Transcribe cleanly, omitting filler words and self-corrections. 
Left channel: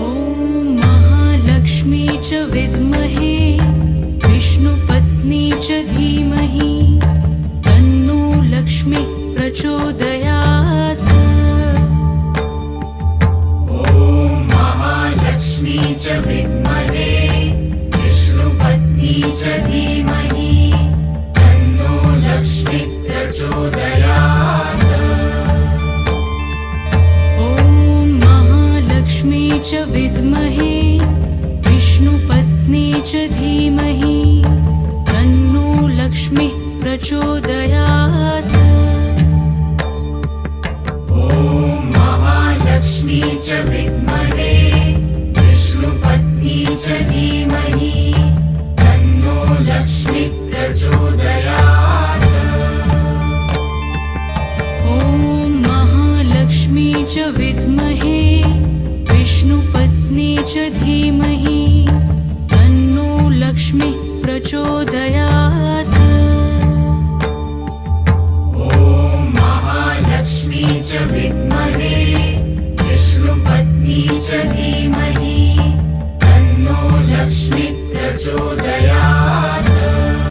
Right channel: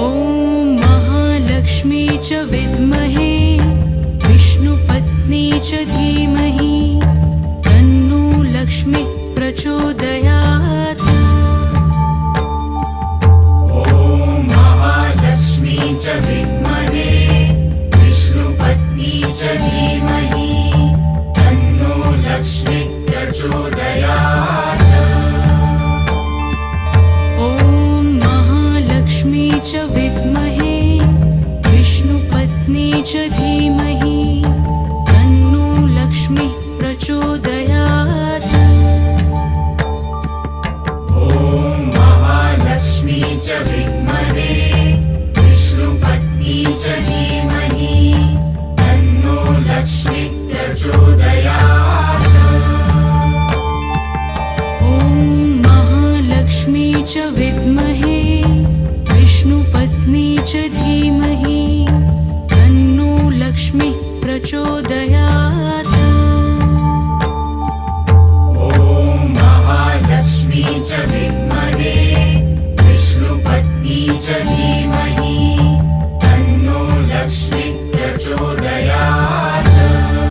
ॐ महालक्ष्मी च विद्महे विष्णुपत्नी च धीमहि तन्नो लक्ष्मी प्रचोदयात्। ॐ महालक्ष्मी च विद्महे विष्णुपत्नी च धीमहि तन्नो लक्ष्मी प्रचोदयात्। ॐ महालक्ष्मी च विद्महे विष्णुपत्नी च धीमहि तन्नो लक्ष्मी प्रचोदयात्। ॐ महालक्ष्मी च विद्महे विष्णुपत्नी च धीमहि तन्नो लक्ष्मी प्रचोदयात्। ॐ महालक्ष्मी च विद्महे विष्णुपत्नी च धीमहि तन्नो लक्ष्मी प्रचोदयात्। ॐ महालक्ष्मी च विद्महे विष्णुपत्नी च धीमहि